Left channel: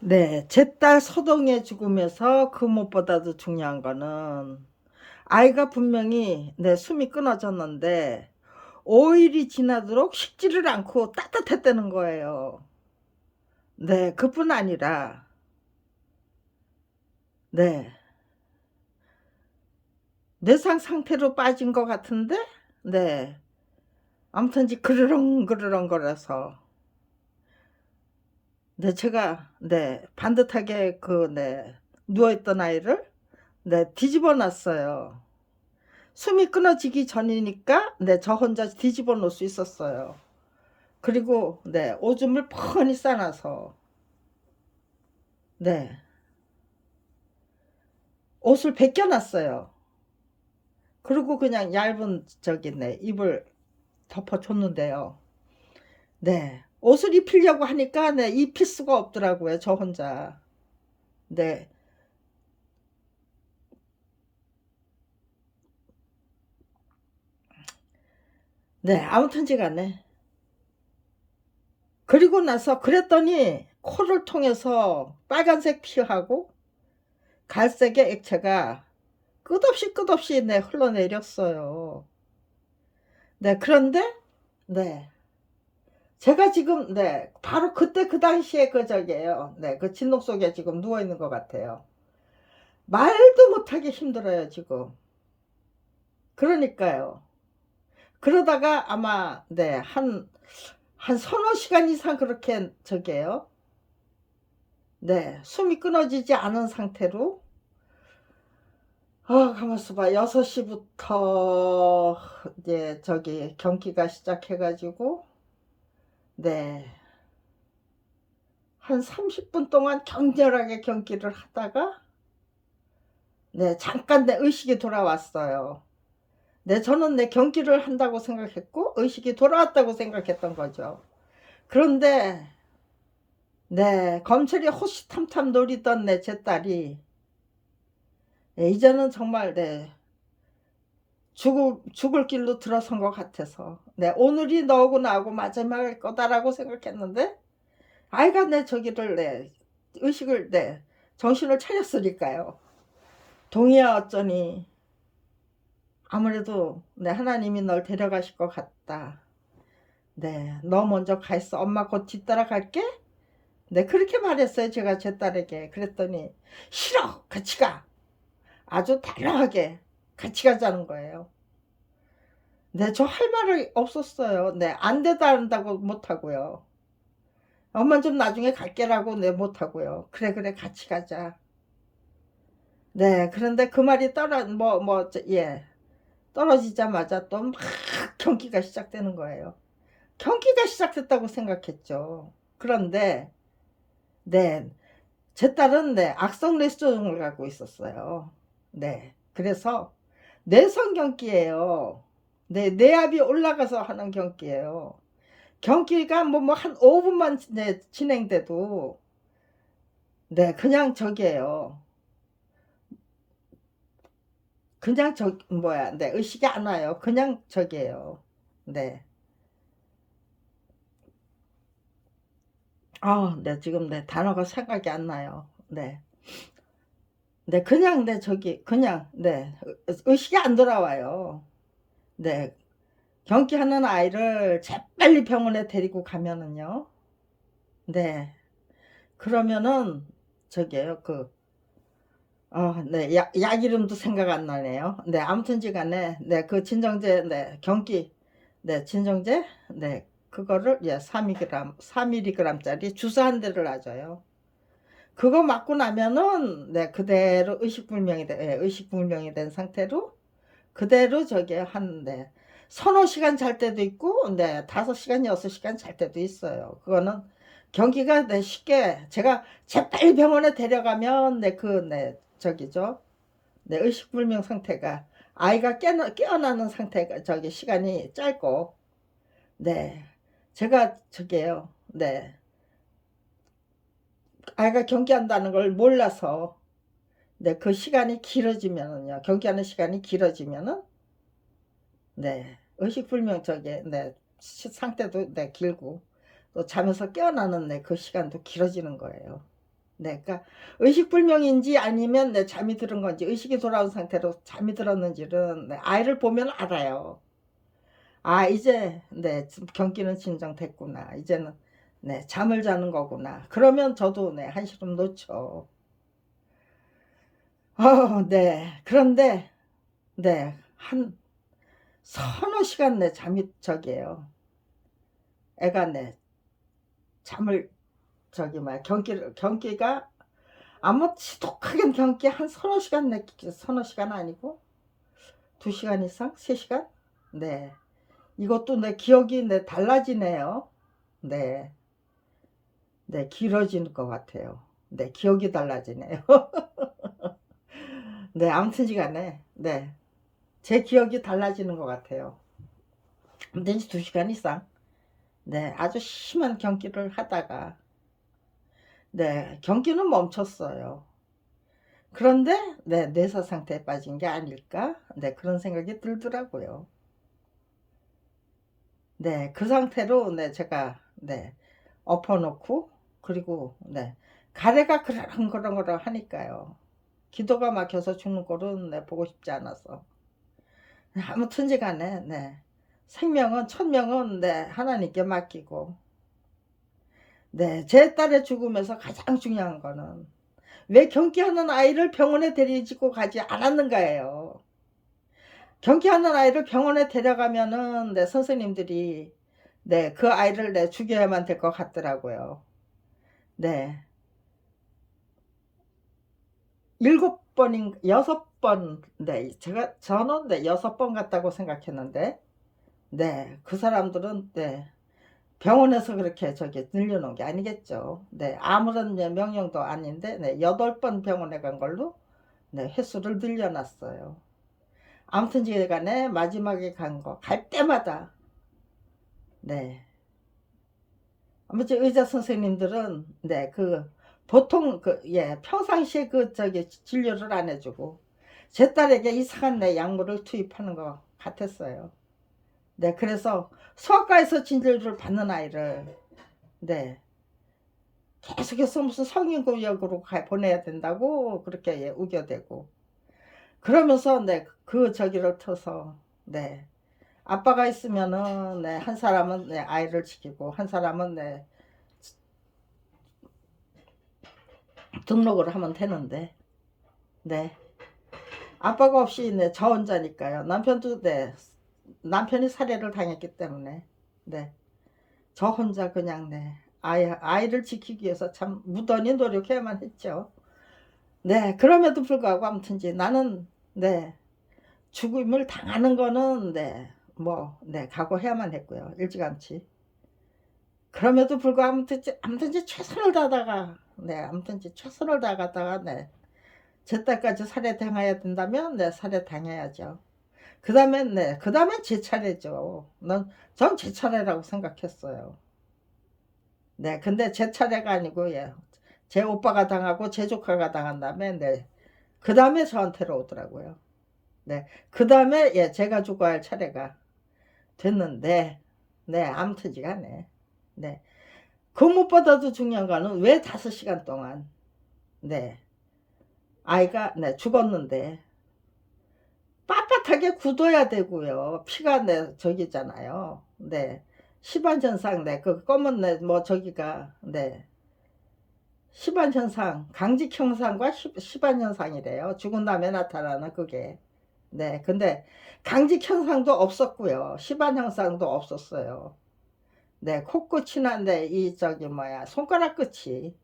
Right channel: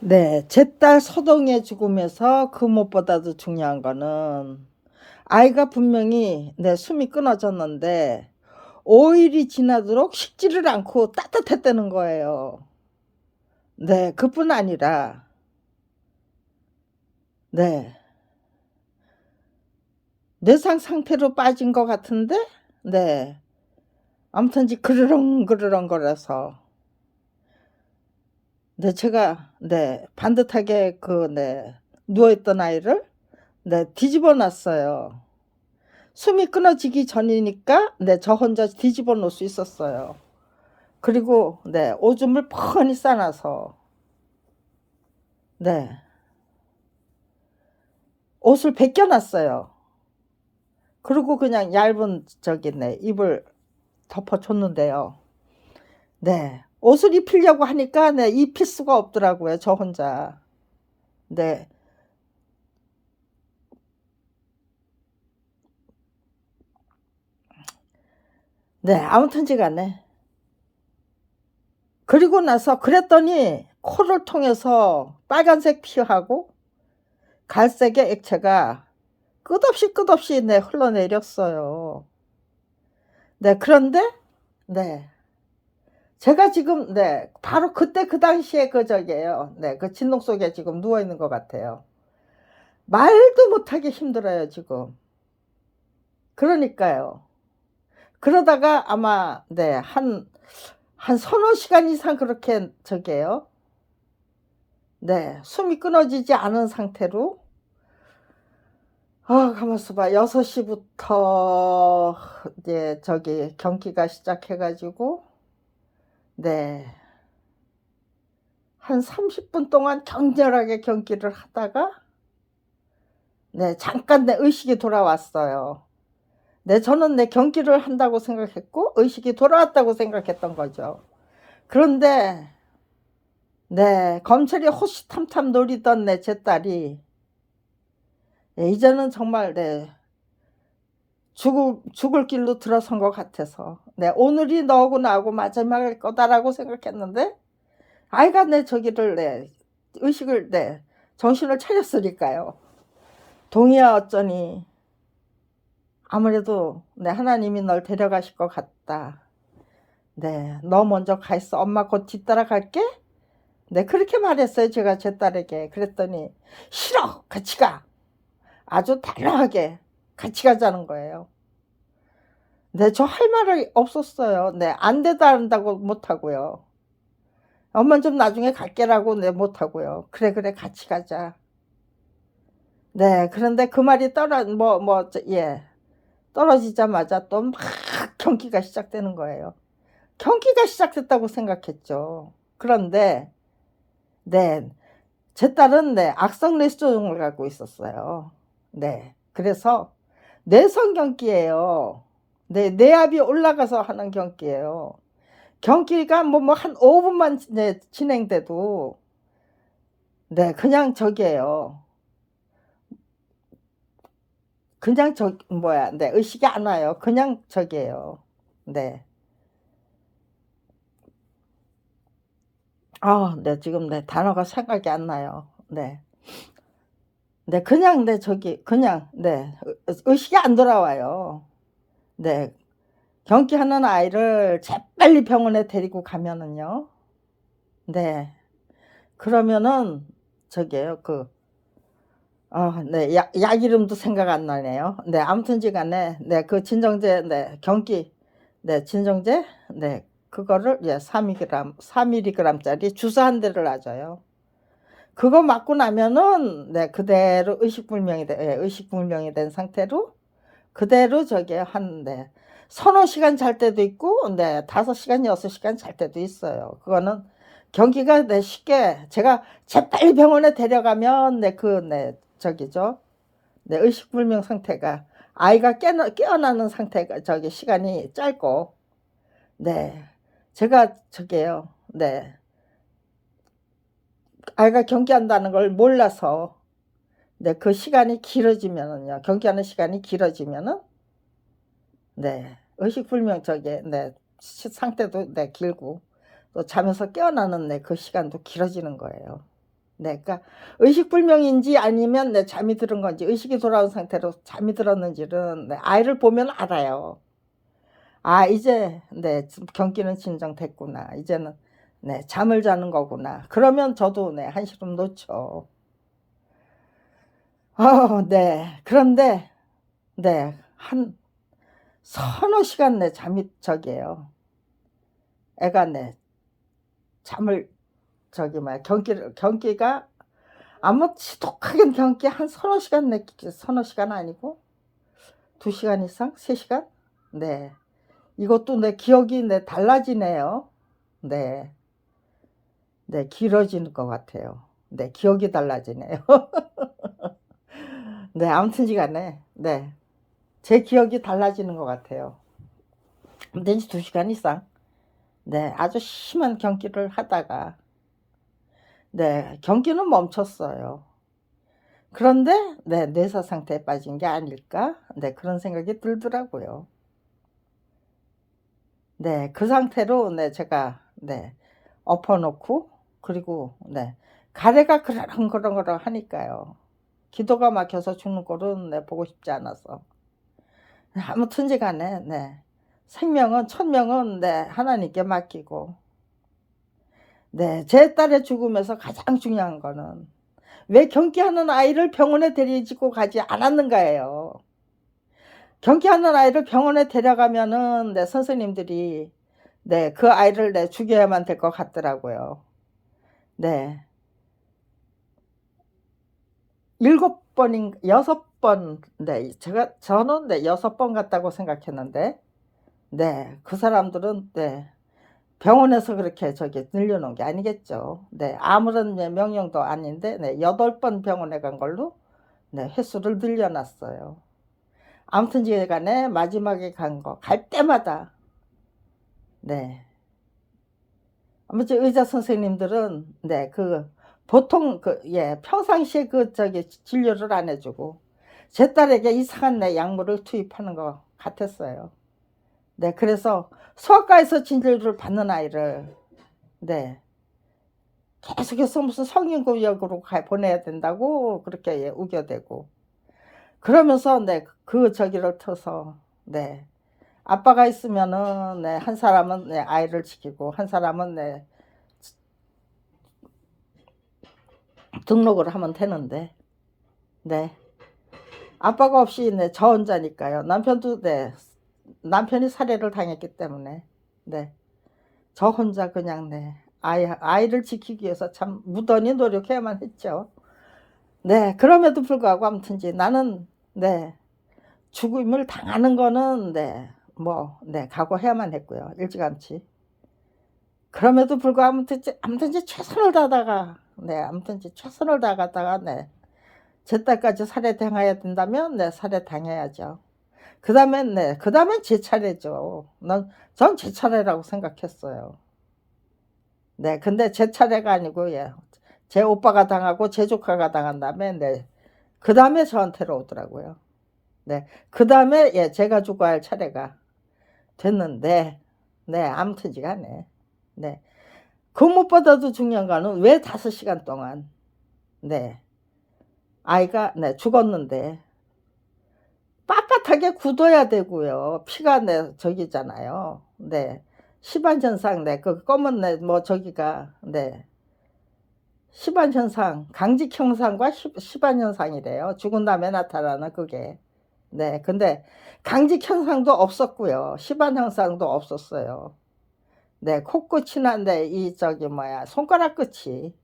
네, 제 딸 서동의 죽음에서 그 무엇보다도 중요한 거는 아이가 분명히 숨이 끊어졌는데 5일이 지나도록 식지를 않고 따뜻했다는 거예요. 네, 그뿐 아니라 네, 뇌상 상태로 빠진 것 같은데 네, 아무튼지 그르렁그르렁 거려서 제가 반듯하게 누워있던 아이를 뒤집어 놨어요. 숨이 끊어지기 전이니까 저 혼자 뒤집어 놓을 수 있었어요. 그리고 오줌을 뻔히 싸놔서 네 옷을 벗겨놨어요. 그리고 그냥 얇은 이불 덮어줬는데요. 옷을 입히려고 하니까 입힐 수가 없더라고요, 저 혼자. 네 아무튼지 간에 그리고 나서 그랬더니 코를 통해서 빨간색 피하고 갈색의 액체가 끝없이 흘러내렸어요. 그런데 네 제가 지금 바로 그때 그 당시에 그 진동 속에 지금 누워 있는 것 같아요. 말도 못하게 힘들어요, 지금. 그러니까요. 그러다가 아마 한 서너 시간 이상 그렇게 숨이 끊어지지 않은 상태로 가만있어 봐. 6시부터 이제 경기가 시작해 가지고 네. 한 30분 동안 격렬하게 경기를 하다가 잠깐 의식이 돌아왔어요. 저는 경기를 한다고 생각했고 의식이 돌아왔다고 생각했던 거죠. 그런데 검찰이 호시탐탐 노리던 제 딸이 이제는 정말 죽을 길로 들어선 것 같아서 오늘이 너하고 나하고 마지막일 거다라고 생각했는데 아이가 의식을 정신을 차렸으니까요. 동의야 어쩌니 아무래도 하나님이 널 데려가실 것 같다. 너 먼저 가 있어. 엄마 곧 뒤따라 갈게. 그렇게 말했어요. 제가 제 딸에게. 그랬더니 싫어. 같이 가. 아주 단호하게 같이 가자는 거예요. 저 할 말이 없었어요. 안 되다 한다고 못하고요. 엄마 좀 나중에 갈게라고 못하고요. 그래 그래 같이 가자. 그런데 그 말이 떨어지자마자 또 막 경기가 시작되는 거예요. 경기가 시작됐다고 생각했죠. 그런데 네, 제 딸은 악성 뇌수종을 갖고 있었어요. 그래서 뇌성 경기예요. 뇌압이 올라가서 하는 경기예요. 경기가 한 5분만 진행돼도 그냥 그냥 의식이 안 와요. 그냥 네. 지금 단어가 생각이 안 나요. 그냥 그냥 의식이 안 돌아와요. 경기하는 아이를 재빨리 병원에 데리고 가면은요. 그러면은 저기요 약 이름도 생각 안 나네요. 아무튼지간에 그 진정제 경기 진정제 그거를 3mg짜리 주사 한 대를 놔줘요. 그거 맞고 나면은 그대로 의식불명이 된 상태로 그대로 한 서너 시간 잘 때도 있고 5시간 6시간 잘 때도 있어요. 그거는 경기가 쉽게 제가 재빨리 병원에 데려가면 의식불명 상태가 아이가 깨어나는 상태가 시간이 짧고 제가 아이가 경기한다는 걸 몰라서 그 시간이 길어지면은요. 경기하는 시간이 길어지면은 의식불명 상태도 길고 또 잠에서 깨어나는 그 시간도 길어지는 거예요. 네. 그러니까 의식불명인지 아니면 네 잠이 들은 건지 의식이 돌아온 상태로 잠이 들었는지는 네 아이를 보면 알아요. 아 이제 네 좀 경기는 진정됐구나. 이제는 네 잠을 자는 거구나. 그러면 저도 네 한시름 놓죠. 네. 그런데 네 한 서너 시간 네 잠이 저기에요. 애가 네 잠을 저기 뭐야 경기가 아무 지독하게 경기 한 서너 시간 내 서너 시간 아니고 2 시간 이상? 3 시간? 네. 이것도 내 기억이 네 달라지네요. 네. 네. 길어지는 것 같아요. 네. 기억이 달라지네요. 네. 아무튼지 간에 네. 제 기억이 달라지는 것 같아요. 아무튼 2 시간 이상 네 아주 심한 경기를 하다가 네 경기는 멈췄어요. 그런데 네 '뇌사 상태에 빠진 게 아닐까?' 네 그런 생각이 들더라고요. 네. 그 상태로 네 제가 네 엎어 놓고 그리고 네 가래가 그러렁그렁그렁 하니까요. 기도가 막혀서 죽는 꼴은 네 보고 싶지 않아서. 아무튼지 간에 네 생명은 천명은 네 하나님께 맡기고 네 제 딸의 죽음에서 가장 중요한 거는 왜 경기하는 아이를 병원에 데리고 가지 않았는가예요. 경기하는 아이를 병원에 데려가면은 네 선생님들이 네 그 아이를 네 죽여야만 될 것 같더라고요. 네. 7 번인 6 번 네 저는 네 6번 갔다고 생각했는데 네 그 사람들은 네 병원에서 그렇게 저기 늘려 놓은 게 아니겠죠. 네 아무런 네 명령도 아닌데 네 8번 병원에 간 걸로 네 횟수를 늘려 놨어요. 아무튼지 간에 마지막에 갈 때마다 네 아무튼 의사 선생님들은 네 보통 평상시에 저기 진료를 안 해 주고 제 딸에게 이상한 네 약물을 투입하는 것 같았어요. 네 그래서 소아과에서 진료를 받는 아이를 네 계속해서 무슨 성인구역으로 보내야 된다고 그렇게 우겨대고 그러면서 네 저기를 터서 네 아빠가 있으면은 네 한 사람은 네 아이를 지키고 한 사람은 네 등록을 하면 되는데 네 아빠가 없이 네 저 혼자니까요. 남편도 네 남편이 살해를 당했기 때문에 네 저 혼자 그냥 네 아이를 지키기 위해서 참 무던히 노력해야만 했죠. 네 그럼에도 불구하고 아무튼지 나는 네 죽음을 당하는 거는 네 네 각오해야만 했고요 일찌감치. 그럼에도 불구하고 아무튼지 최선을 다하다가 네 아무튼지 최선을 다하다가 네 제 딸까지 살해당해야 된다면 네 살해당해야죠. 그다음엔 네 그다음엔 제 차례죠. 전 제 차례라고 생각했어요. 네 근데 제 차례가 아니고 제 오빠가 당하고 제 조카가 당한 다음에 네 그다음에 저한테로 오더라고요. 네 그다음에 제가 죽어야 할 차례가 됐는데 네 아무튼지 간에 네 그 무엇보다도 중요한 거는 왜 5 시간 동안 네 아이가 네 죽었는데 빳빳하게 굳어야 되고요. 피가 네 저기잖아요. 네. 시반현상 네 검은 네 저기가 네 시반현상, 강직현상과 시반현상이래요. 죽은 다음에 나타나는 그게. 네. 근데 강직현상도 없었고요. 시반현상도 없었어요. 네. 코끝이나 네 저기 손가락 끝이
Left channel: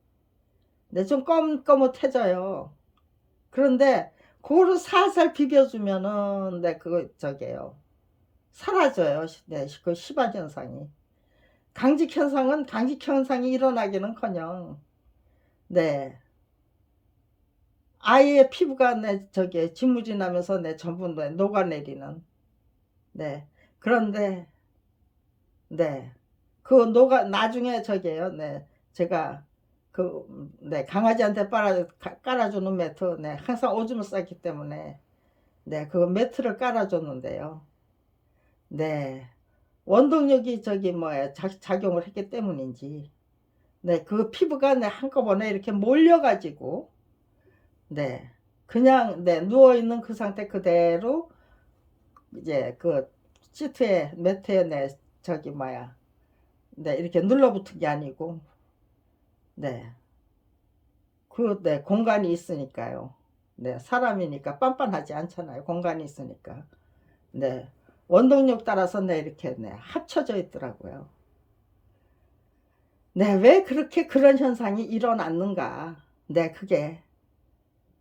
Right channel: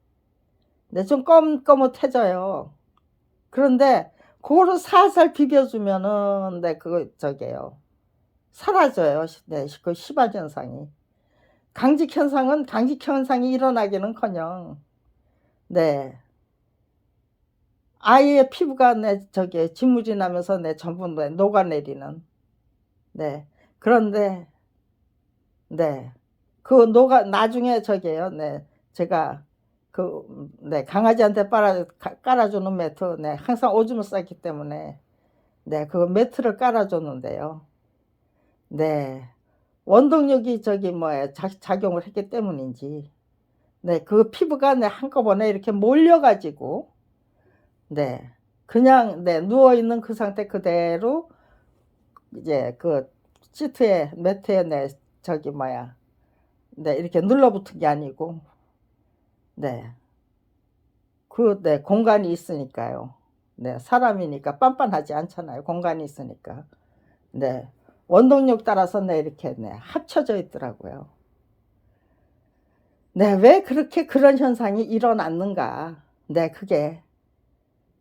네 좀 거뭇해져요. 그런데 고거를 살살 비벼 주면은 네 저기에요. 사라져요. 네 그 시반 현상이. 강직 현상이 일어나기는커녕 네 아이의 피부가 네 저기 진물이 나면서 네 전부 네 녹아내리는 네 그런데 네 나중에 저기에요. 네 제가 네 강아지한테 깔아 주는 매트 네 항상 오줌을 싸기 때문에 네 그 매트를 깔아 줬는데요. 네. 원동력이 저기 작용을 했기 때문인지 네, 그 피부가 네, 한꺼번에 이렇게 몰려가지고, 네, 그냥, 네, 누워있는 그 상태 그대로, 이제 그 시트에, 매트에, 네, 저기, 뭐야, 네, 이렇게 눌러붙은 게 아니고, 네, 네, 공간이 있으니까요. 네, 사람이니까 빤빤하지 않잖아요. 공간이 있으니까. 네, 원동력 따라서 네, 이렇게, 네, 합쳐져 있더라고요. 네, 왜 그렇게 그런 현상이 일어났는가. 네, 그게,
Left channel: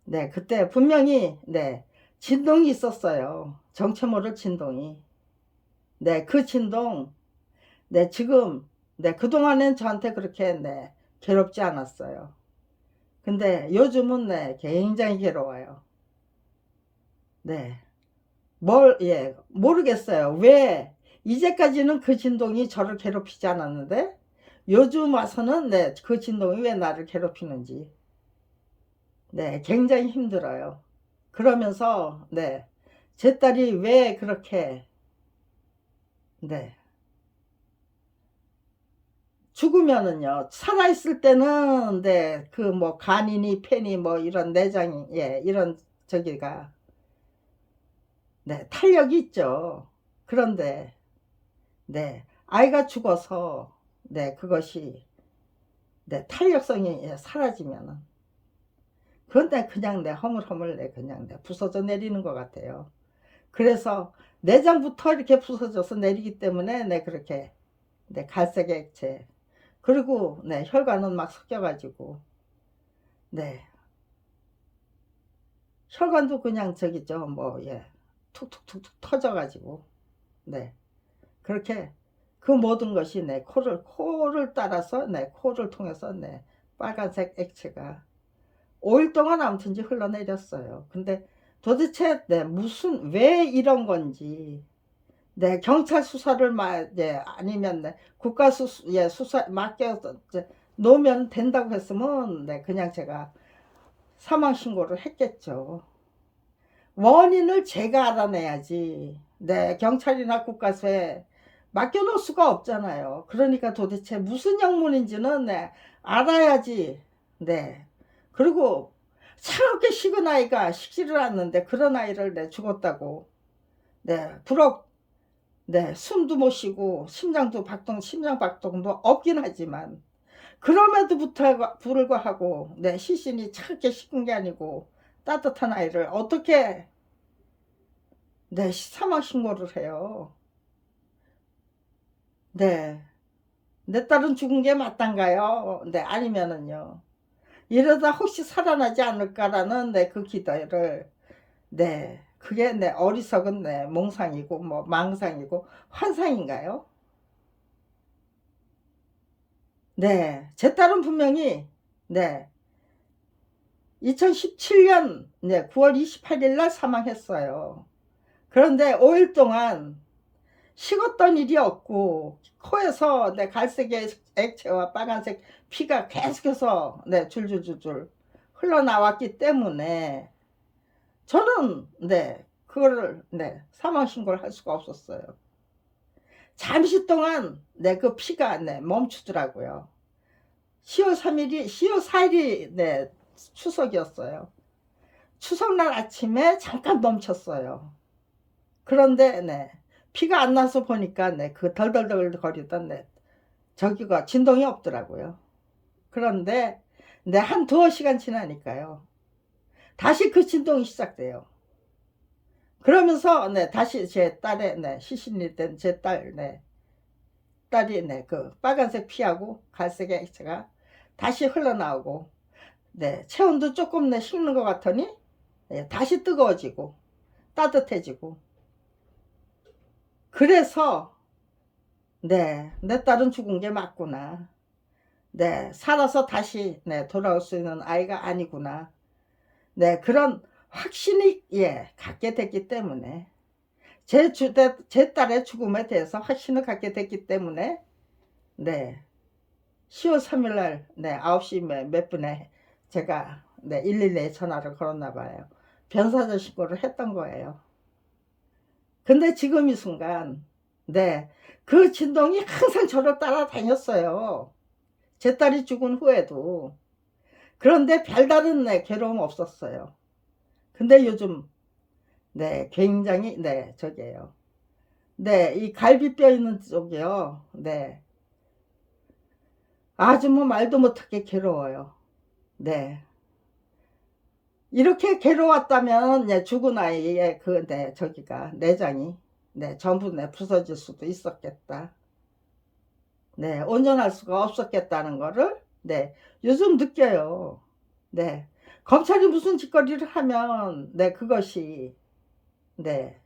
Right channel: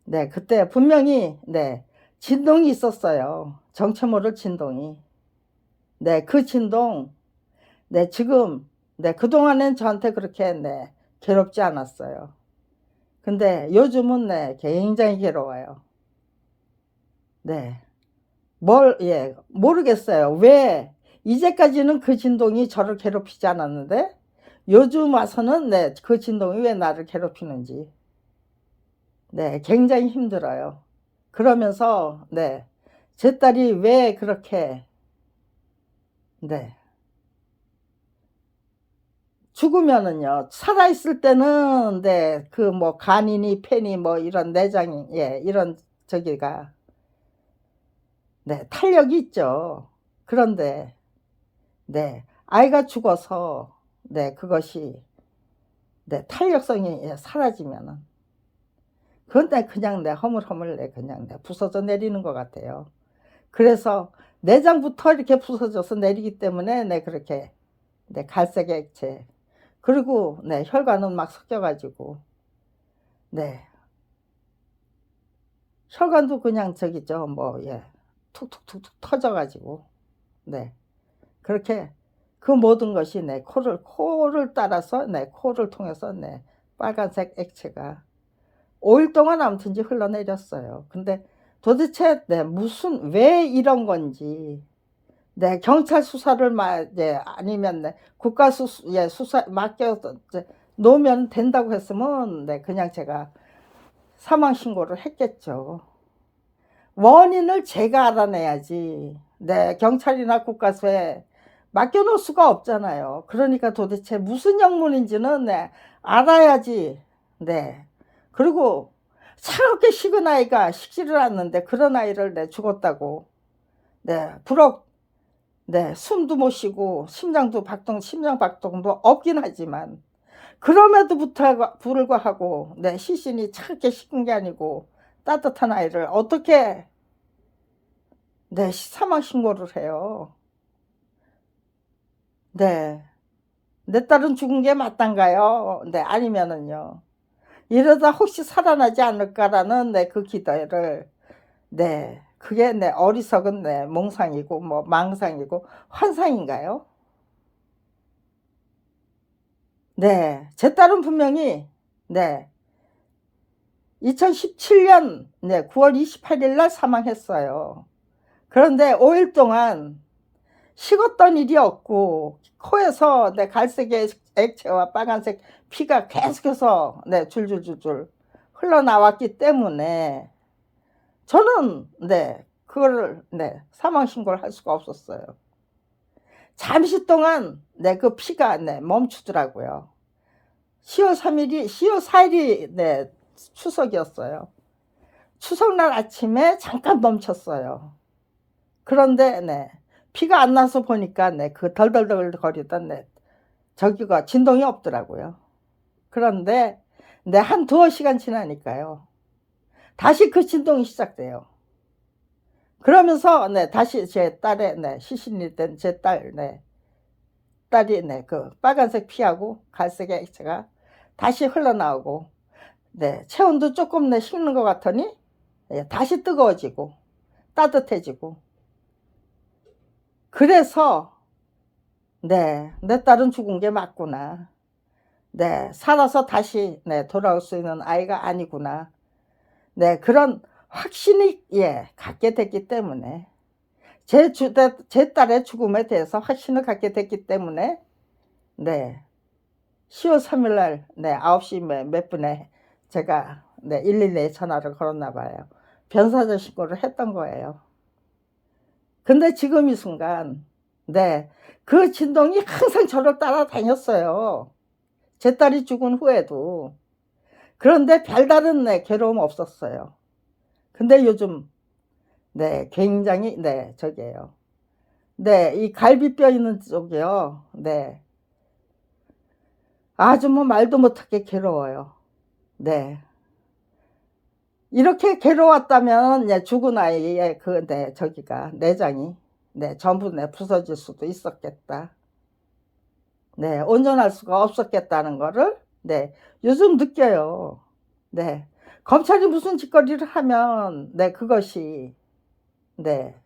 네, 그때 분명히, 네, 진동이 있었어요. 정체 모를 진동이. 네, 그 진동, 네, 지금, 네, 그동안엔 저한테 그렇게, 네, 괴롭지 않았어요. 근데 요즘은, 네, 굉장히 괴로워요. 네, 예, 모르겠어요. 왜, 이제까지는 그 진동이 저를 괴롭히지 않았는데, 요즘 와서는, 네, 그 진동이 왜 나를 괴롭히는지. 네, 굉장히 힘들어요. 그러면서, 네, 제 딸이 왜 그렇게, 네, 죽으면은요, 살아있을 때는, 네, 그 뭐, 간이니, 폐니, 뭐, 이런 내장이, 예, 이런, 저기가, 네, 탄력이 있죠. 그런데, 네, 아이가 죽어서, 네, 그것이, 네, 탄력성이 예, 사라지면은, 그건 내 그냥 내 허물허물 내 그냥 내 부서져 내리는 것 같아요. 그래서 내장부터 이렇게 부서져서 내리기 때문에 내 그렇게 내 갈색 액체 그리고 내 혈관은 막 섞여가지고 네 혈관도 그냥 저기죠 뭐예 툭툭툭툭 터져가지고 네 그렇게 그 모든 것이 내 코를 따라서 내 코를 통해서 내 빨간색 액체가 5일 동안 아무튼지 흘러내렸어요. 근데 도대체 네, 왜 이런 건지 네, 경찰 수사를 예, 아니면 네, 국가 예, 수사 맡겨 놓으면 된다고 했으면 네, 그냥 제가 사망 신고를 했겠죠. 원인을 제가 알아내야지. 네, 경찰이나 국가서에 맡겨놓을 수가 없잖아요. 그러니까 도대체 무슨 약물인지는 네, 알아야지. 네. 그리고 차갑게 식은 아이가 식지를 않는데 그런 아이를 내 죽었다고. 네, 네, 숨도 못 쉬고 심장 박동도 없긴 하지만 그럼에도 불구하고 네, 시신이 차갑게 식은 게 아니고 따뜻한 아이를 어떻게 네, 사망 신고를 해요. 네. 내 딸은 죽은 게 맞단가요? 네, 아니면은요. 이러다 혹시 살아나지 않을까라는 네, 그 기대를 네, 그게 네, 어리석은 네, 몽상이고 뭐 망상이고 환상인가요? 네, 제 딸은 분명히 네, 2017년 네, 9월 28일 날 사망했어요. 그런데 5일 동안 식었던 일이 없고 코에서 네, 갈색 액체와 빨간색 피가 계속해서 네, 줄줄줄줄 흘러나왔기 때문에 저는 네, 그거를 네, 사망 신고를 할 수가 없었어요. 잠시 동안 네, 그 피가 네, 멈추더라고요. 10월 3일이 10월 4일이 네, 추석이었어요. 추석날 아침에 잠깐 멈췄어요. 그런데 네, 피가 안 나서 보니까 네, 그 덜덜덜 거리던 네, 저기가 진동이 없더라고요. 그런데 네, 한 두어 시간 지나니까요. 다시 그 진동이 시작돼요. 그러면서 네, 다시 제 딸의 네, 시신일 땐 제 네, 딸이 네, 그 빨간색 피하고 갈색의 액체가 다시 흘러나오고 네, 체온도 조금 네, 식는 것 같더니 예, 다시 뜨거워지고 따뜻해지고 그래서 네, 내 딸은 죽은 게 맞구나. 네, 살아서 다시 네, 돌아올 수 있는 아이가 아니구나. 네, 그런 확신이 예, 갖게 됐기 때문에 제 딸의 죽음에 대해서 확신을 갖게 됐기 때문에 네, 10월 3일 날 네, 9시 몇 분에 제가 네, 112에 전화를 걸었나 봐요. 변사자 신고를 했던 거예요. 근데 지금 이 순간 네, 그 진동이 항상 저를 따라다녔어요. 제 딸이 죽은 후에도. 그런데 별다른 네 괴로움 없었어요. 근데 요즘 네 굉장히 네 저기예요. 네 이 갈비뼈 있는 쪽이요. 네. 아주 뭐 말도 못하게 괴로워요. 네. 이렇게 괴로웠다면 예 죽은 아이의 그 네 저기가 내장이 네 전부 네 부서질 수도 있었겠다. 네. 온전할 수가 없었겠다는 거를 네 요즘 느껴요. 네. 검찰이 무슨 짓거리를 하면 네 그것이 네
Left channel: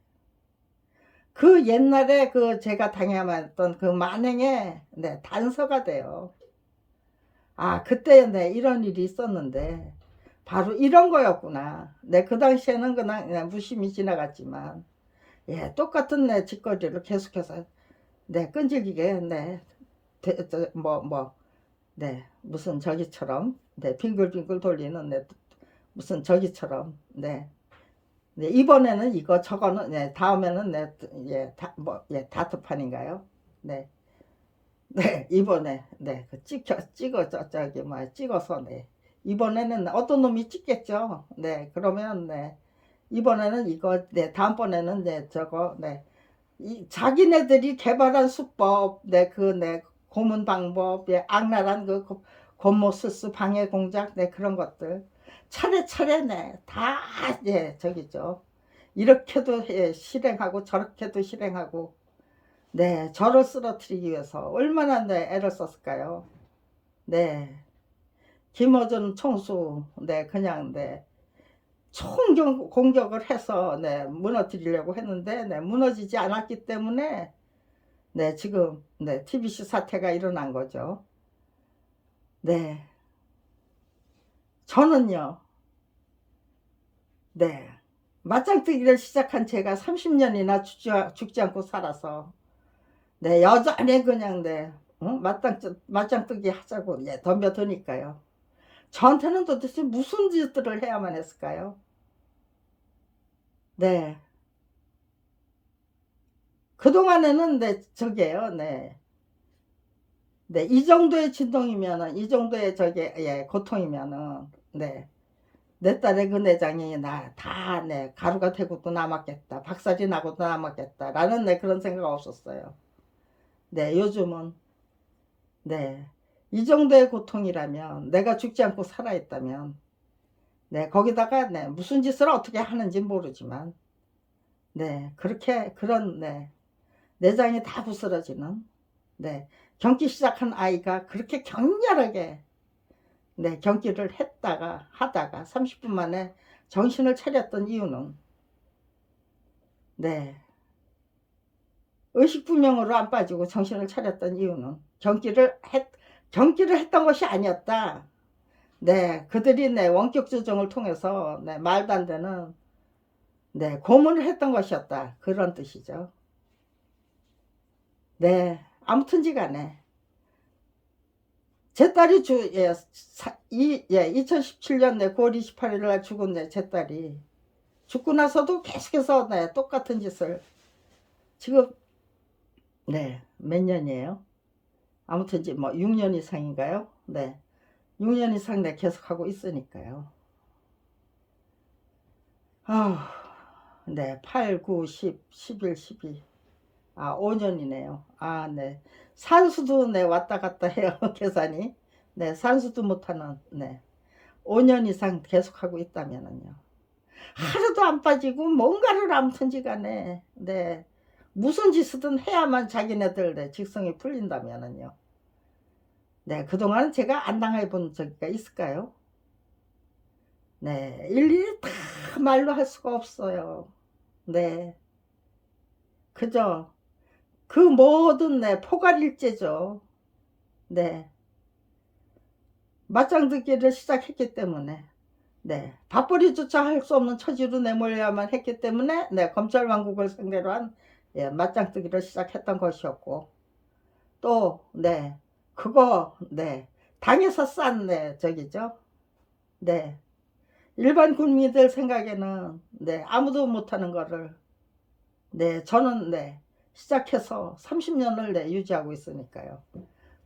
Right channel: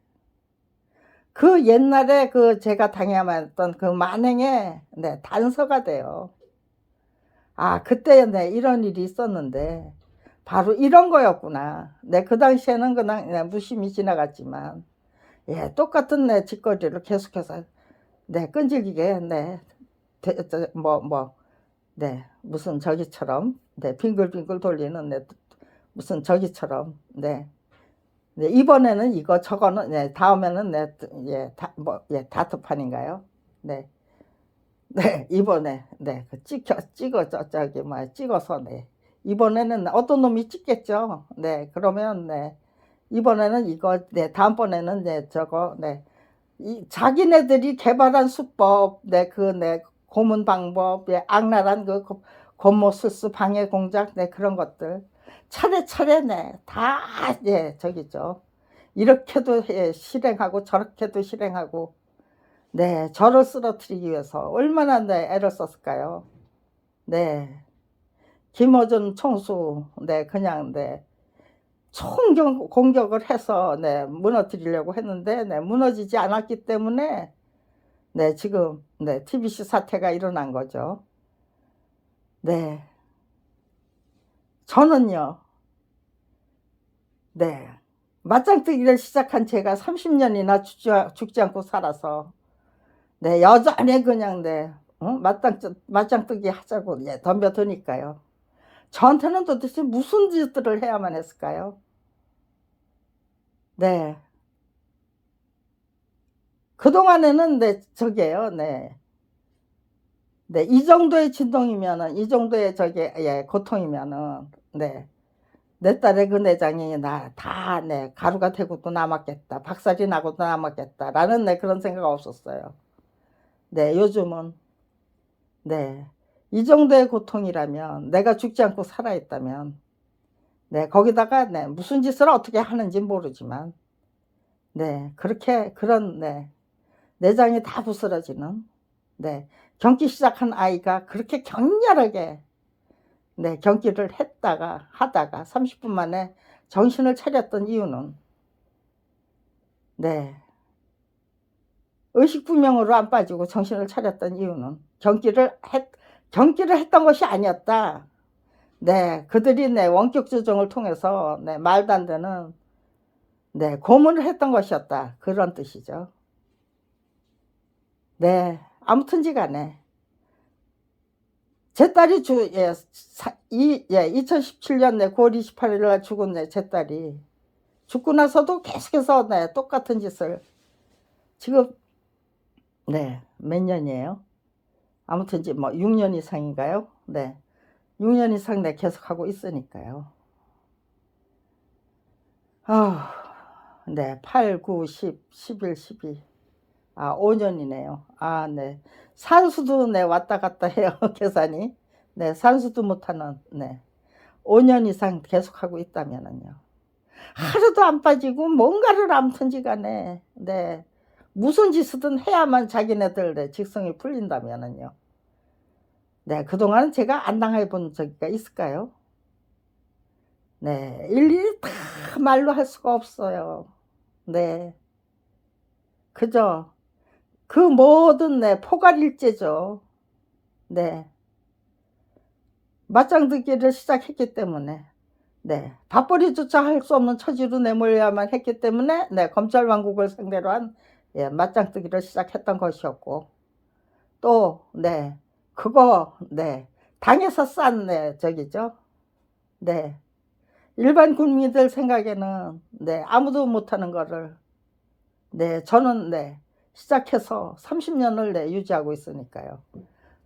그 옛날에 그 제가 당해왔던 그 만행의 네 단서가 돼요. '아 그때 네 이런 일이 있었는데 바로 이런 거였구나.' 네 그 당시에는 그냥 네 무심히 지나갔지만 예 똑같은 네 짓거리를 계속해서 네 끈질기게 네 저 네 무슨 저기처럼 네 빙글빙글 돌리는 네 무슨 저기처럼 네. 네 이번에는 이거 저거는 네 다음에는 네 예 다 예 다트판인가요? 네. 네. 이번에 네 그 찍어 저기 뭐야 찍어서 네 이번에는 어떤 놈이 찍겠죠. 네 그러면 네 이번에는 이거 네 다음번에는 네 저거 네 이 자기네들이 개발한 수법 네 그 네 고문 방법 예 악랄한 그 권모술수 방해 공작 네 그런 것들 차례차례 네 다 예 저기죠. 이렇게도 예 실행하고 저렇게도 실행하고 네 저를 쓰러뜨리기 위해서 얼마나 네 애를 썼을까요? 네. 김어준 총수 네 그냥 네 총경 공격을 해서 네 무너뜨리려고 했는데 네 무너지지 않았기 때문에 네 지금 네 TBC 사태가 일어난 거죠. 네. 저는요. 네. 맞짱뜨기를 시작한 제가 30 년이나 죽지 않고 살아서 네 여전히 그냥 네 맞짱뜨기 하자고 예 덤벼드니까요. 저한테는 도대체 무슨 짓들을 해야만 했을까요? 네. 그동안에는 네 저기예요. 네. 네. 이 정도의 진동이면은 이 정도의 저기 예 고통이면은 네. '내 딸의 그 내장이 나 다 네 가루가 되고도 남았겠다. 박살이 나고도 남았겠다.'라는 네 그런 생각 없었어요. 네. 요즘은 네. 이 정도의 고통이라면 내가 죽지 않고 살아 있다면 네 거기다가 네 무슨 짓을 어떻게 하는지 모르지만 네 그렇게 그런 네 내장이 다 부스러지는 네 경기 시작한 아이가 그렇게 격렬하게 네 경기를 했다가 하다가 30분 만에 정신을 차렸던 이유는 네 의식불명으로 안 빠지고 정신을 차렸던 이유는 경기를 했던 것이 아니었다. 네. 그들이 네 원격 조정을 통해서 네 말도 안 되는 네 고문을 했던 것이었다. 그런 뜻이죠. 네. 아무튼지 간에 제 딸이 주 예 사 이 예 2017년 네 9월 28일날 죽은 네 제 딸이 죽고 나서도 계속해서 네 똑같은 짓을 지금 네 몇 년이에요? 아무튼 이제 뭐 6년 이상인가요? 네. 6년 이상 네 계속하고 있으니까요. 아 네. 8, 9, 10, 11, 12 아 5 년이네요. 아 네. 산수도 네 왔다 갔다 해요 계산이. 네 산수도 못하는 네 5년 이상 계속하고 있다면은요. 하루도 안 빠지고 뭔가를 아무튼지 간에 네 무슨 짓이든 해야만 자기네들 네 직성이 풀린다면은요. 네 그동안 제가 안 당해 본 적이 있을까요? 네. 일일이 다 말로 할 수가 없어요. 네. 그죠. 그 모든 네 포괄일제죠. 네. 맞짱뜨기를 시작했기 때문에 네 밥벌이조차 할 수 없는 처지로 내몰려야만 했기 때문에 네 검찰 왕국을 상대로 한 예 맞짱뜨기를 시작했던 것이었고 또 네 그거 네 당에서 싼 네 저기죠. 네. 일반 국민들 생각에는 네 아무도 못하는 거를 네 저는 네 시작해서 30 년을 네 유지하고 있으니까요.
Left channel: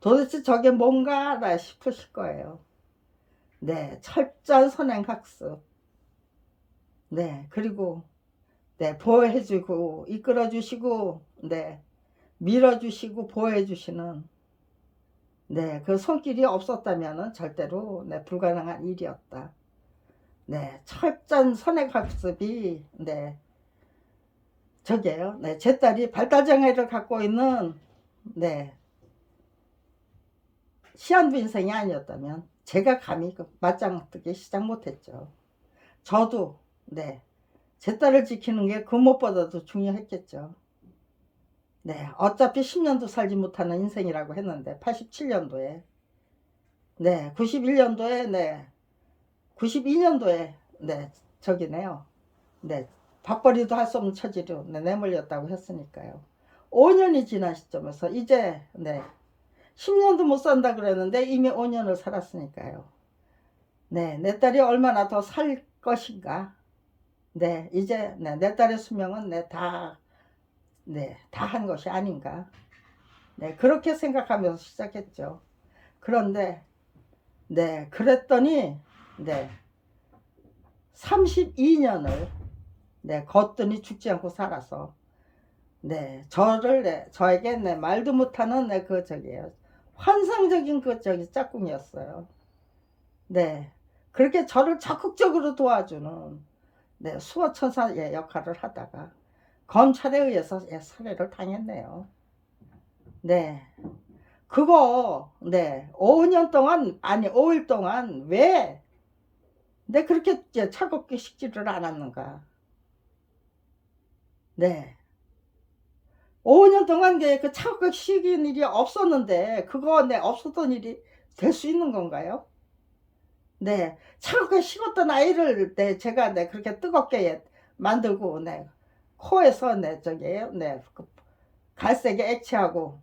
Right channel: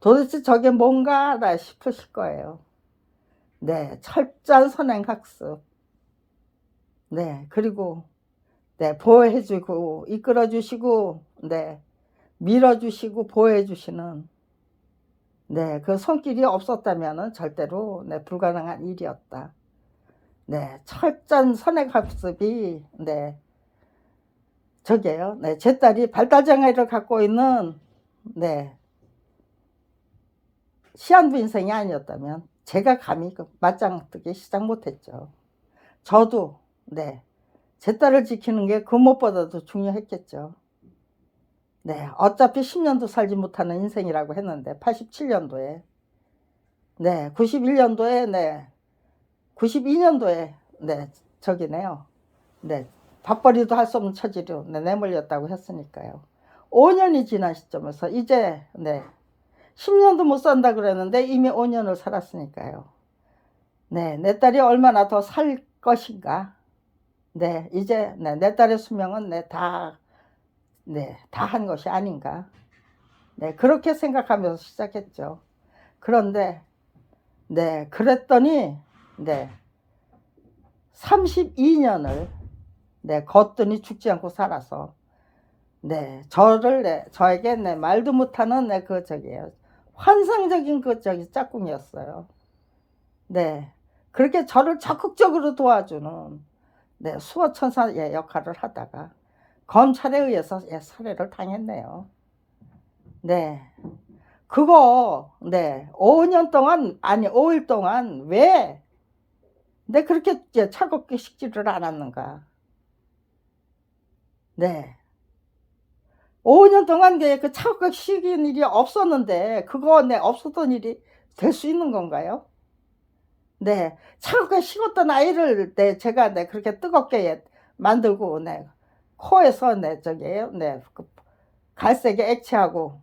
도대체 저게 뭔가 나 싶으실 거예요. 네, 철저한 선행학습. 네, 그리고 네, 보호해주고 이끌어주시고 네, 밀어주시고 보호해주시는 네, 그 손길이 없었다면 절대로 네, 불가능한 일이었다. 네, 철저한 선행학습이 네, 저게요. 네, 제 딸이 발달장애를 갖고 있는 네, 시한부 인생이 아니었다면 제가 감히 그 맞짱 뜨기 시작 못했죠. 저도 네, 제 딸을 지키는 게 그 무엇보다도 중요했겠죠. 네, 어차피 10년도 살지 못하는 인생이라고 했는데 87년도에 네, 91년도에 네, 92년도에 네, 저기네요. 네, 밥벌이도 할 수 없는 처지로 네, 내몰렸다고 했으니까요. 5년이 지난 시점에서 이제 네, 10년도 못 산다 그랬는데 이미 5년을 살았으니까요. 네, 내 딸이 얼마나 더 살 것인가. 네, 이제 네, 내 딸의 수명은 네, 다 한 것이 아닌가. 네, 그렇게 생각하면서 시작했죠. 그런데 네, 그랬더니 네, 32년을 네, 걷더니 죽지 않고 살아서 네, 저를 네, 저에게 네, 말도 못하는 네, 그 저기예요. 환상적인 그 저기 짝꿍이었어요. 네, 그렇게 저를 적극적으로 도와주는 네, 수호천사의 역할을 하다가 검찰에 의해서 예, 살해를 당했네요. 네, 그거 네, 5년 동안 아니 5일 동안 왜 내 그렇게 차갑게 식지를 않았는가. 네, 5년 동안 그 차갑게 식인 일이 없었는데 그거 네, 없었던 일이 될 수 있는 건가요? 네, 차갑게 식었던 아이를 네, 제가 네, 그렇게 뜨겁게 만들고 네, 코에서 네, 저기에요. 네, 그 갈색의 액체하고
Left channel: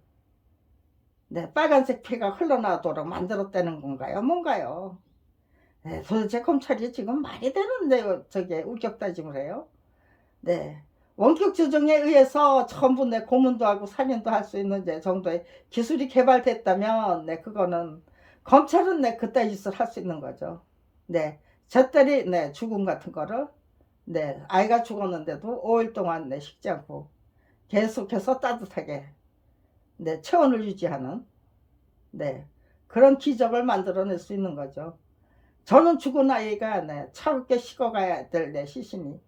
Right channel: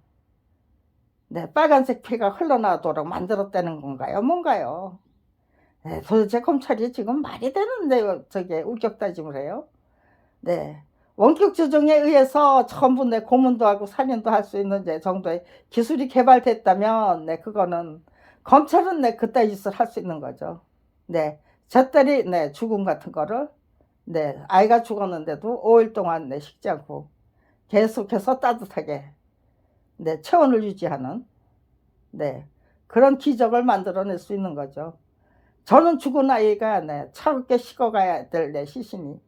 네, 빨간색 피가 흘러나오도록 만들었다는 건가요? 뭔가요? 네, 도대체 검찰이 지금 말이 되는데 저게 우격 따짐을 해요? 네, 원격 조정에 의해서 전부 내 고문도 하고 살인도 할 수 있는 정도의 기술이 개발됐다면 네, 그거는 검찰은 네, 그따위 짓을 할 수 있는 거죠. 네, 제 딸이 네, 죽음 같은 거를 네, 아이가 죽었는데도 5일 동안 네, 식지 않고 계속해서 따뜻하게 네, 체온을 유지하는 네, 그런 기적을 만들어낼 수 있는 거죠. 저는 죽은 아이가 네, 차갑게 식어가야 될 내 시신이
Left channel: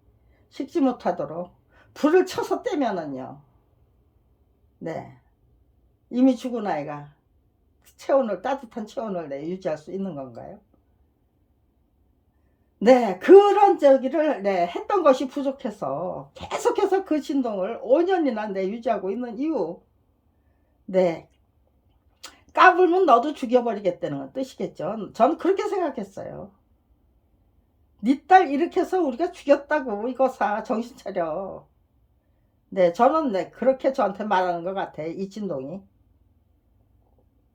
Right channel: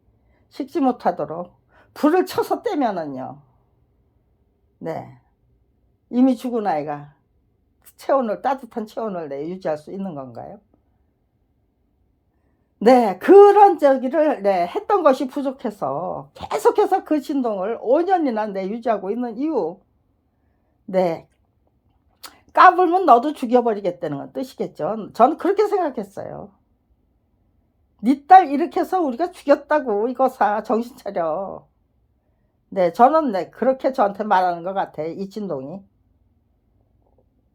식지 못하도록 불을 쳐서 떼면은요, 네, 이미 죽은 아이가 체온을 따뜻한 체온을 네, 유지할 수 있는 건가요? 네, 그런 저기를 네, 했던 것이 부족해서 계속해서 그 진동을 5년이나 네, 유지하고 있는 이유. 네, 까불면 너도 죽여버리겠다는 건 뜻이겠죠. 저는 그렇게 생각했어요. 네 딸 이렇게 해서 우리가 죽였다고 이거사 정신 차려. 네, 저는 네, 그렇게 저한테 말하는 것 같아. 이 진동이.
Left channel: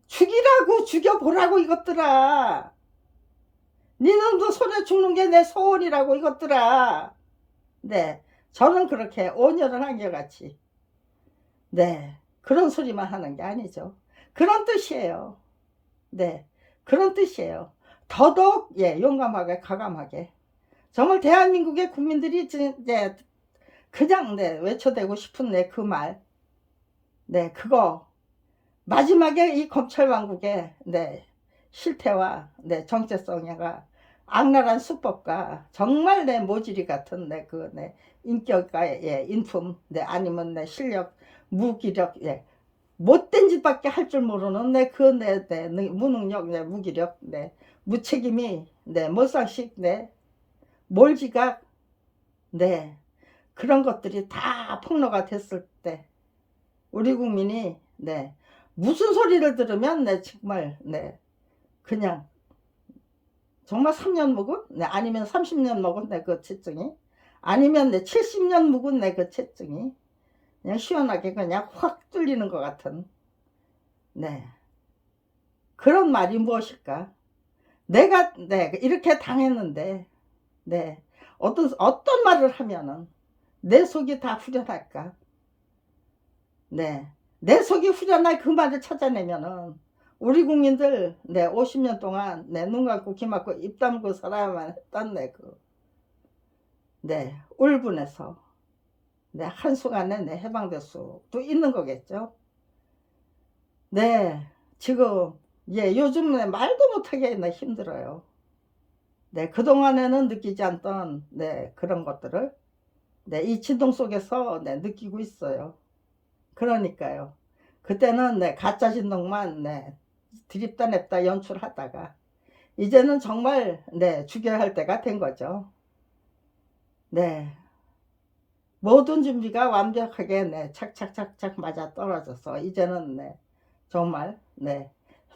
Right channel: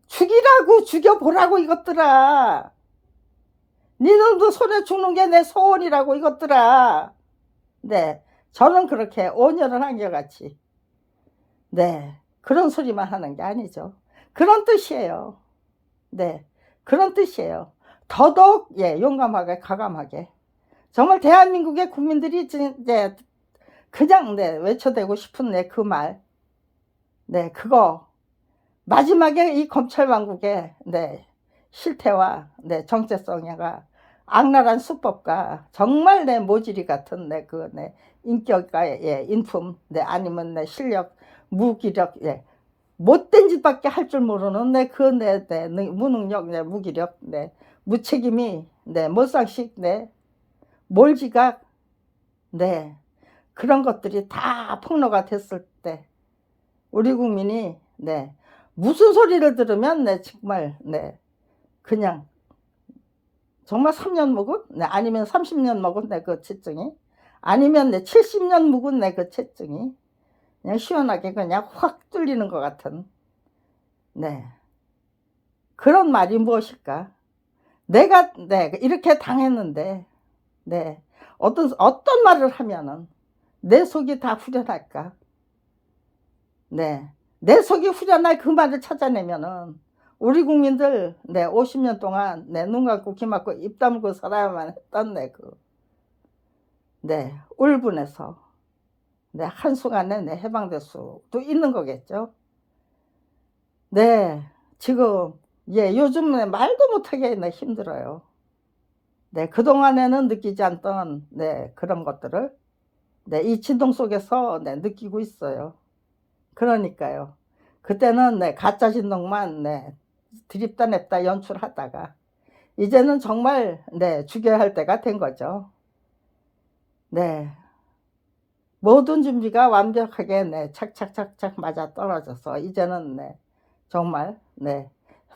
죽이라고 죽여보라고 이것들아. 니들도 손에 죽는 게 내 소원이라고 이것들아. 네, 저는 그렇게 온열을 한결같이 네, 그런 소리만 하는 게 아니죠. 그런 뜻이에요. 네, 그런 뜻이에요. 더더욱 예, 용감하게 가감하게 정말 대한민국의 국민들이 이제 그냥 네, 외쳐대고 싶은 네, 그 말. 네, 그거 마지막에 이 검찰 왕국의 네, 실태와 네, 정체성과 악랄한 수법과 정말 내 모질이 같은 내 그 내 인격과 예, 인품 네, 아니면 내 실력 무기력 예, 못된 짓밖에 할 줄 모르는 내 그 내 무능력 내 무기력 내 무책임이 내 몰상식 내 몰지각 네, 그런 것들이 다 폭로가 됐을 때 우리 국민이 네, 무슨 소리를 들으면 네, 정말 네, 그냥 정말 3년 묵은 네, 아니면 30년 먹은 내 그 채증이 아니면 내 70년 묵은 내 그 채증이 그냥 시원하게 그냥 확 뚫리는 것 같은 네, 그런 말이 무엇일까? 내가 네, 이렇게 당했는데 네, 어떤 말을 하면은 내 속이 다 후련할까? 네, 내 속이 후련할 그 말을 찾아내면은 우리 국민들 50년 동안 눈 감고 귀 막고 입 다물고 살아야만 했던 울분에서 한순간에 해방될 수도 있는 거겠죠. 지금 요즘 말도 못하게 힘들어요. 그동안에는 느끼지 않던 그런 것들을 이 진동 속에서 느끼고 있어요. 그러니까요. 그때는 가짜 진동만 드립다 냅다 연출하다가 이제는 정말 죽여야 할 때가 된 거죠. 모든 준비가 완벽하게 착착착착 맞아떨어져서 이제는 정말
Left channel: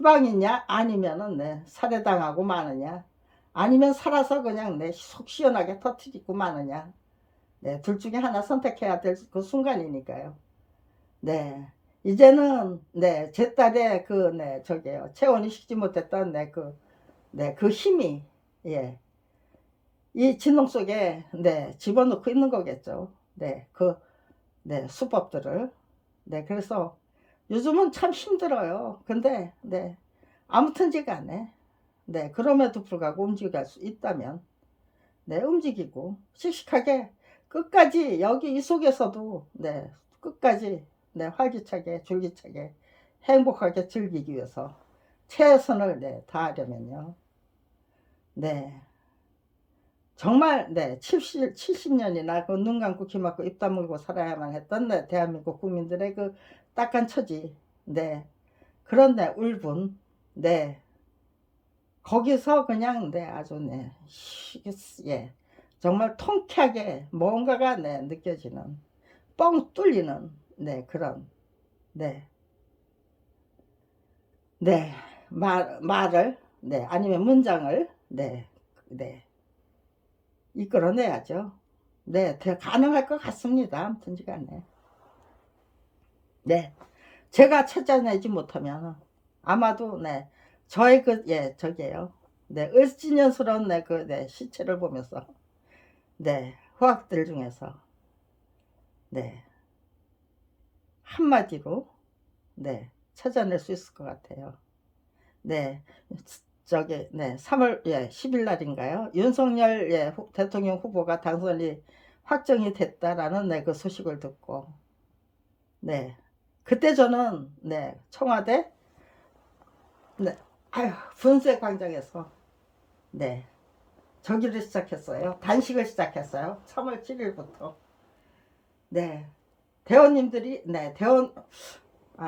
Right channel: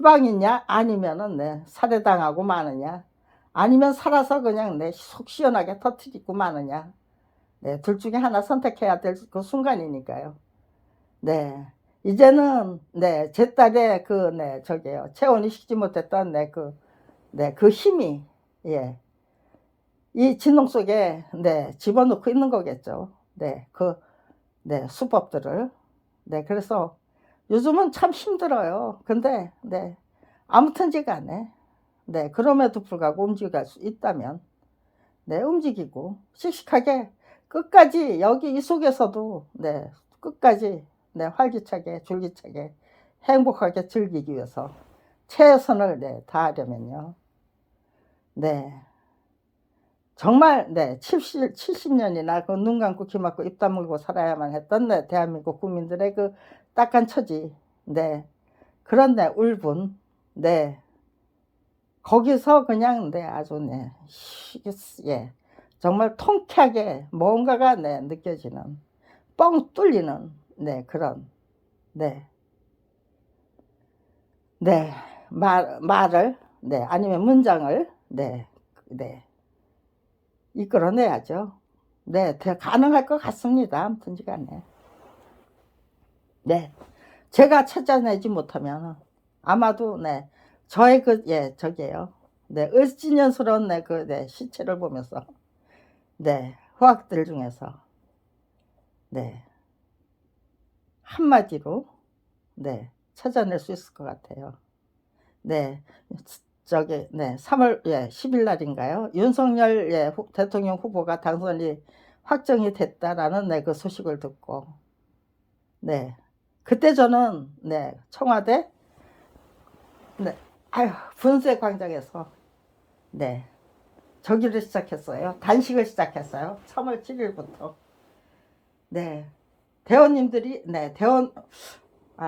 해방이냐 아니면은 살해당하고 마느냐 아니면 살아서 그냥 속 시원하게 터뜨리고 마느냐 둘 중에 하나 선택해야 될 그 순간이니까요. 이제는 제 딸의 저게요 체온이 식지 못했던 그 힘이 이 진동 속에 집어넣고 있는 거겠죠. 수법들을. 그래서 요즘은 참 힘들어요. 근데 아무튼지가 않네. 그럼에도 불구하고 움직일 수 있다면 움직이고 씩씩하게 끝까지 여기 이 속에서도 끝까지 활기차게 줄기차게 행복하게 즐기기 위해서 최선을 다하려면요. 정말 70년이나 그 눈 감고 귀 막고 입 다물고 살아야만 했던 대한민국 국민들의 그 딱한 처지 그런 울분 거기서 그냥 아주 정말 통쾌하게 뭔가가 느껴지는 뻥 뚫리는 그런 말을 아니면 문장을 이끌어내야죠. 가능할 것 같습니다. 아무튼지간에 제가 찾아내지 못하면 아마도 저의 저게요 을지년스러운 시체를 보면서 후학들 중에서 한마디로 찾아낼 수 있을 것 같아요. 저기 3월 10일 날인가요? 윤석열 대통령 후보가 당선이 확정이 됐다라는 그 소식을 듣고 그때 저는 청와대 분수의 광장에서 저기를 시작했어요. 단식을 시작했어요. 3월 7일부터 대원님들이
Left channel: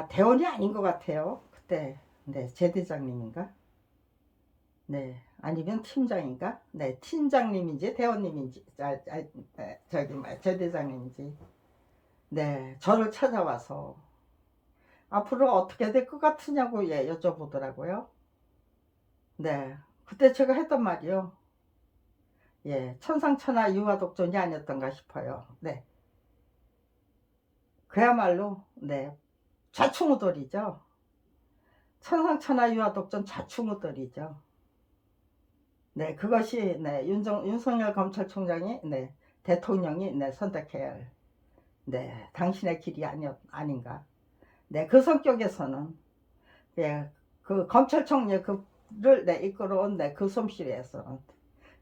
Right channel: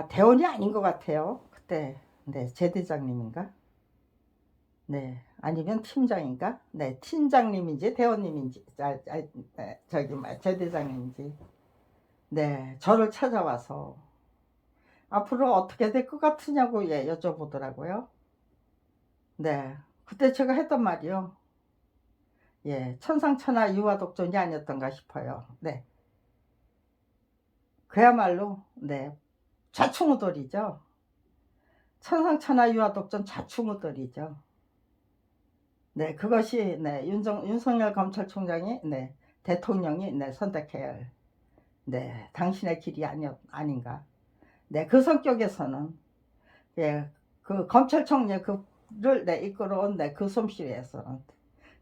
대원이 아닌 것 같아요. 그때 제대장님인가? 아니면 팀장인가? 팀장님인지 대원님인지 저기 제대장님인지 저를 찾아와서 앞으로 어떻게 될 것 같으냐고 여쭤보더라고요. 그때 제가 했던 말이요. 천상천하 유화독존이 아니었던가 싶어요. 그야말로 좌충우돌이죠. 천상천하 유화독존 좌충우돌이죠. 그것이 윤석열 검찰총장이 대통령이 선택해야 할 당신의 길이 아닌가. 그 성격에서는 그 검찰총장 그를 이끌어온 그 솜씨에서는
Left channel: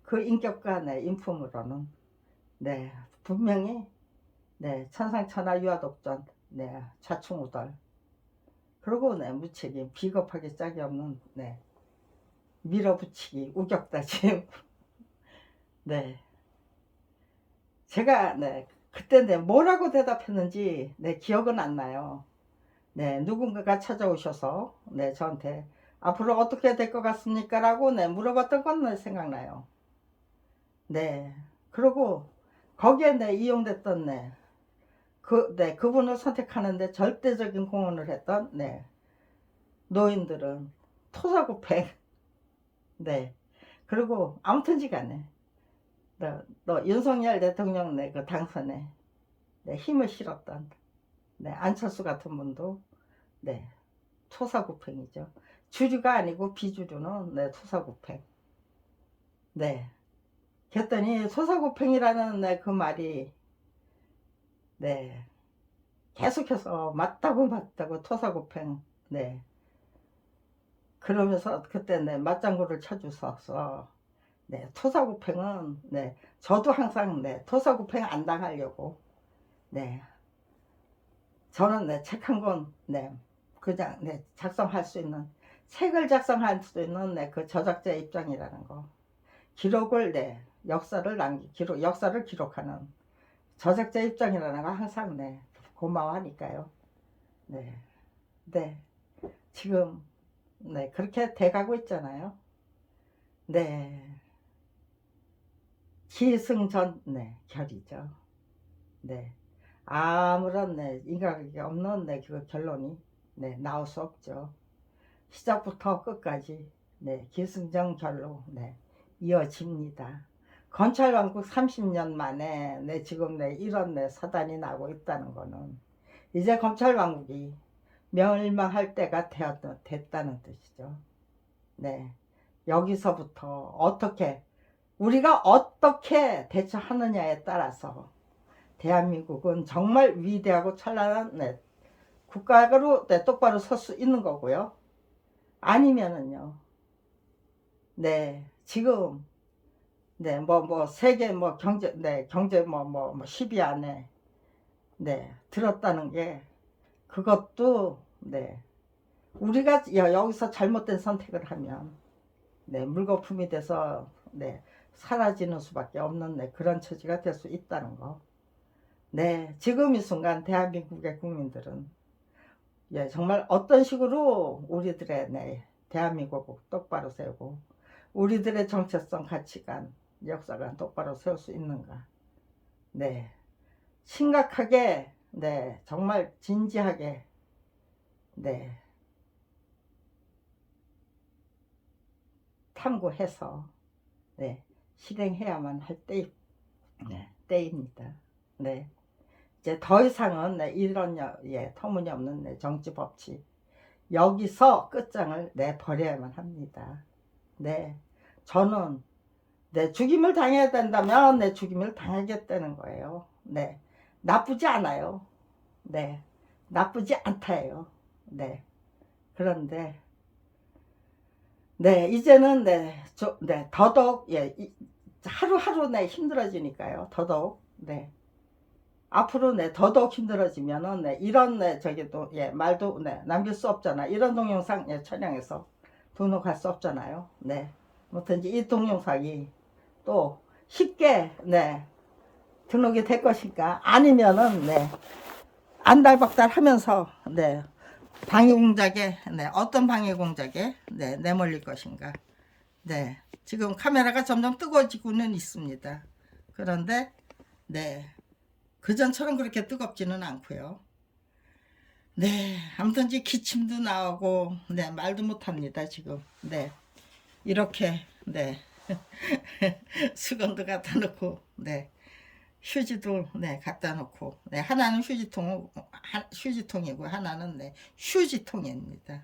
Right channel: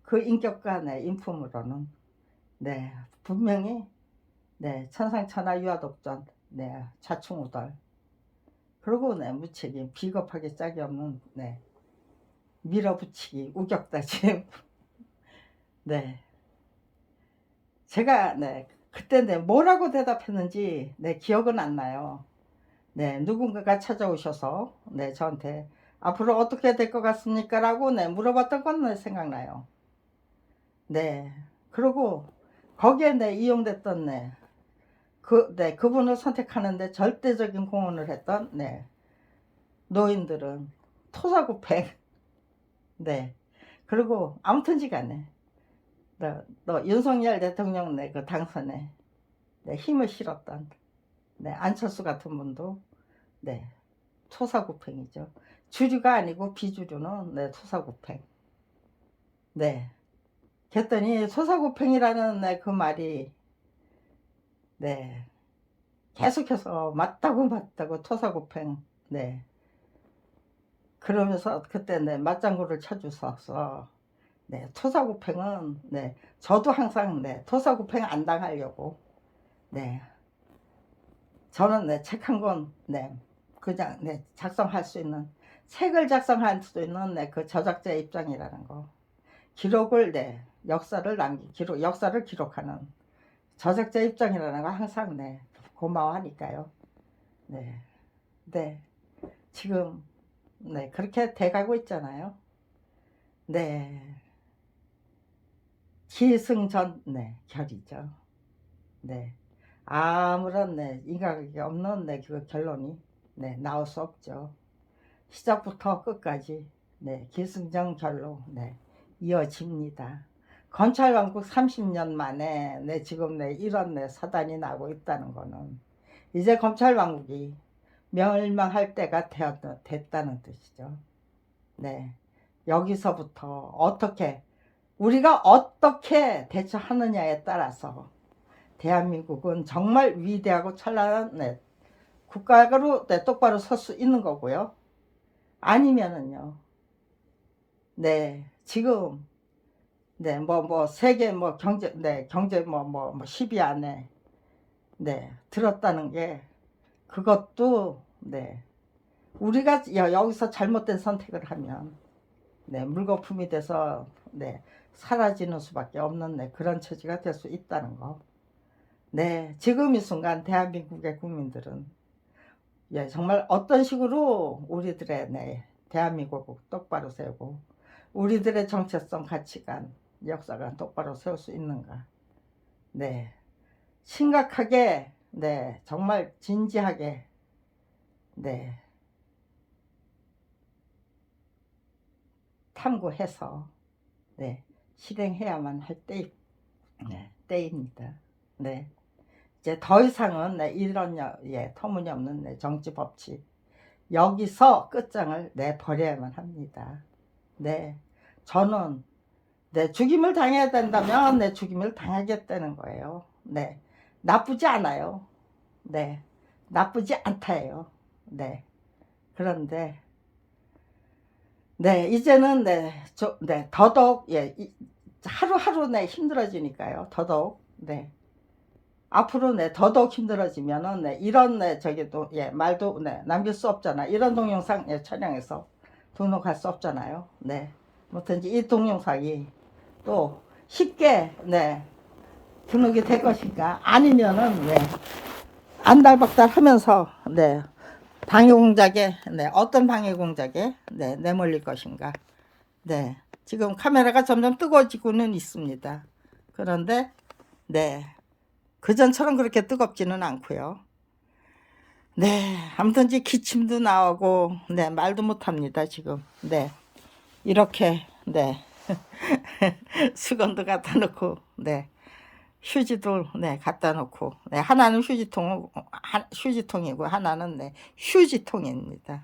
그 인격과 인품으로는 분명히 천상천하 유화독존 좌충우돌 그리고 무책임 비겁하게 짝이 없는 밀어붙이기 우격다짐 제가 그때 뭐라고 대답했는지 기억은 안 나요. 누군가가 찾아오셔서 저한테 앞으로 어떻게 될 것 같습니까? 라고 물어봤던 건 생각나요. 그리고 거기에 이용됐던 그분을 선택하는데 절대적인 공헌을 했던 노인들은 토사구팽 그리고 아무튼지간에 너 윤석열 대통령 그 당선에 힘을 실었던 안철수 같은 분도 토사구팽이죠. 주류가 아니고 비주류는 토사구팽. 그랬더니 토사구팽이라는 그 말이 계속해서 맞다고 토사구팽 그러면서 그때 네, 맞장구를 쳐주셔서 네, 토사구팽은 네, 저도 항상 네, 토사구팽 안 당하려고 네, 저는 네, 책 한 권 네, 그냥 네, 작성할 수 있는 책을 작성할 수 있는 네, 그 저작자의 입장이라는 거 기록을 네, 역사를 기록하는 저작자 입장이라는 거 항상 네, 고마워하니까요. 네, 네, 지금 네, 그렇게 돼가고 있잖아요. 네, 기승전 네, 결이죠. 네, 아무런 네, 인과관계 없는 네, 그 결론이 네, 나올 수 없죠. 시작부터 끝까지 네, 기승전결로 네, 이어집니다. 검찰왕국 30년 만에 네, 지금 네, 이런 네, 사단이 나고 있다는 거는 이제 검찰왕국이 멸망할 때가 됐다는 뜻이죠. 네, 여기서부터 우리가 어떻게 대처하느냐에 따라서 대한민국은 정말 위대하고 찬란한 네, 국가로 네, 똑바로 설 수 있는 거고요. 아니면은요, 네, 지금, 네, 세계, 경제, 10위 안에, 네, 들었다는 게, 그것도, 네, 우리가 여기서 잘못된 선택을 하면, 네, 물거품이 돼서, 네, 사라지는 수밖에 없는, 네, 그런 처지가 될 수 있다는 거. 네, 지금 이 순간 대한민국의 국민들은, 예, 정말 어떤 식으로 우리들의, 네, 대한민국을 똑바로 세우고, 우리들의 정체성, 가치관, 역사관 똑바로 세울 수 있는가. 네, 심각하게, 네, 정말 진지하게, 네, 탐구해서, 네, 실행해야만 할 네, 때입니다. 네, 이제 더 이상은 네, 이런 예, 터무니없는 네, 정치 법칙 여기서 끝장을 내버려야만 합니다. 네, 저는 네, 죽임을 당해야 된다면 네, 죽임을 당하겠다는 거예요. 네, 나쁘지 않아요. 네, 나쁘지 않다예요. 네, 그런데 네, 이제는 네, 더더욱 예, 하루하루 네, 힘들어지니까요. 더더욱 네, 앞으로 네, 더더욱 힘들어지면은 네, 이런 네, 저기도 예, 말도 네, 남길 수 없잖아. 이런 동영상 예, 촬영해서 등록할 수 없잖아요. 네, 뭐든지 이 동영상이 또 쉽게 네, 등록이 될 것인가 아니면은 네, 안달박달 하면서 네, 방해 공작에 네, 어떤 방해 공작에 네, 내몰릴 것인가. 네, 지금 카메라가 점점 뜨거워지고는 있습니다. 그런데 네, 그전처럼 그렇게 뜨겁지는 않고요. 네, 아무튼 이제 기침도 나오고 네, 말도 못합니다 지금. 네, 이렇게 네, 수건도 갖다 놓고 네, 휴지도 네, 갖다 놓고 네, 하나는 휴지통이고 하나는 네, 휴지통입니다.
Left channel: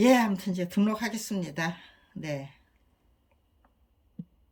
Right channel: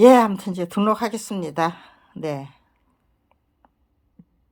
예, 아무튼 이제 등록하겠습니다. 네.